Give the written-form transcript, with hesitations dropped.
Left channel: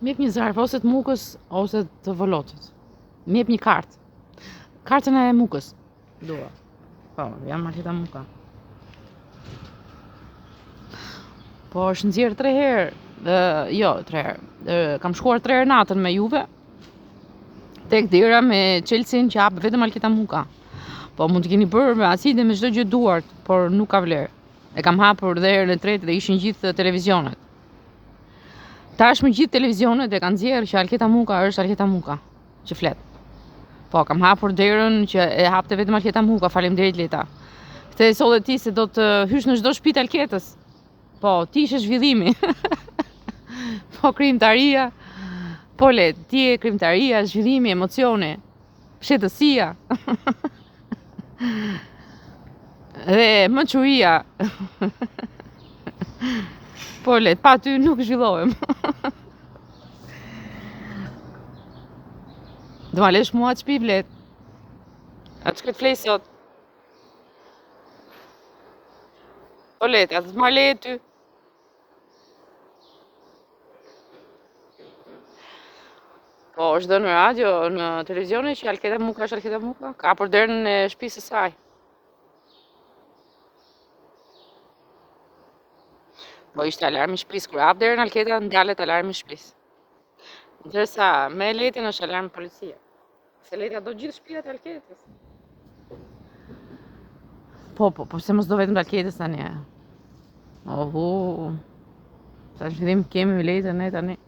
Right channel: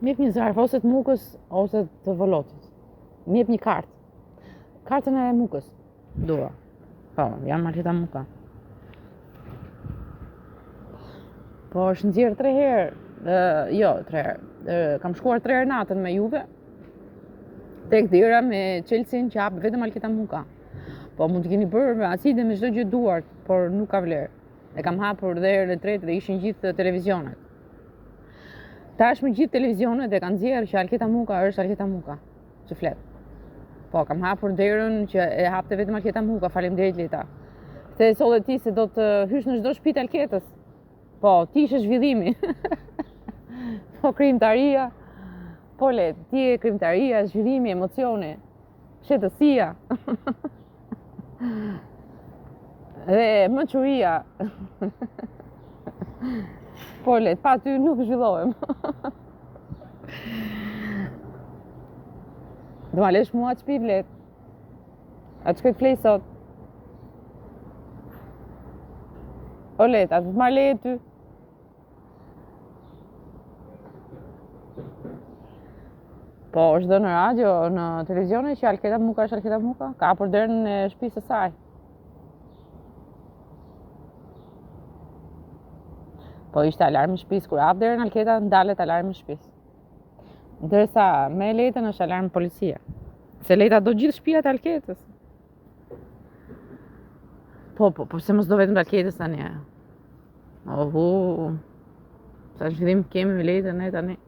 Më jep një zarf ose të mukës ose të volotit. Më jep një kartë. Kartën e mukës. Dua. Po, jam Marteta Muka. Po është nxjerr 3 herë. Jo, 3 herë. Kam shkuar 3 herë natën me Juve. Tek dera me Chelsea që hap vetëm Marteta Muka. Po mund të keni bërë me acide me çdo gjë duart, por nuk ka vlerë. E kam hapur dhe herën e tretë dhe ishin gjithë televizionet. Tashmë gjithë televizionet e kanë nxjerrë që Marteta Muka është Marteta Muka që flet. Po, kam hapur derën që e hapte vetëm Marteta Muka, faleminderit Leta. Këtë e solle ti se do të hysh në çdo shtëpi të Alketës. Po, ti ishe zhvillimi. Po, krijimtaria. Po, le, ti e krijimtaria, zhvillimi, emocioni, shetësia. Dhe mëçuria. Po, le, pa ty nuk zhvillohem. Do ma lesh mua të shpi blet. A të shkët flej sot. O let, a të ma le ty. Po, është dhe në radio, në televizione që Marteta Muka është Marteta Muka. Ka për derën e shtëpisë së saj. Po, ishte alarmi i shtëpisë. Kur hap derën Marteta, ndalet alarmi i shtëpisë. Ndërsa me Letën është alarm policia. Se Leta do gjithë shtëpiat e Alketës. Po se mos do vetëm të Alketës tani. Ohu. Sa zhvillim kemi me Letën ne tani.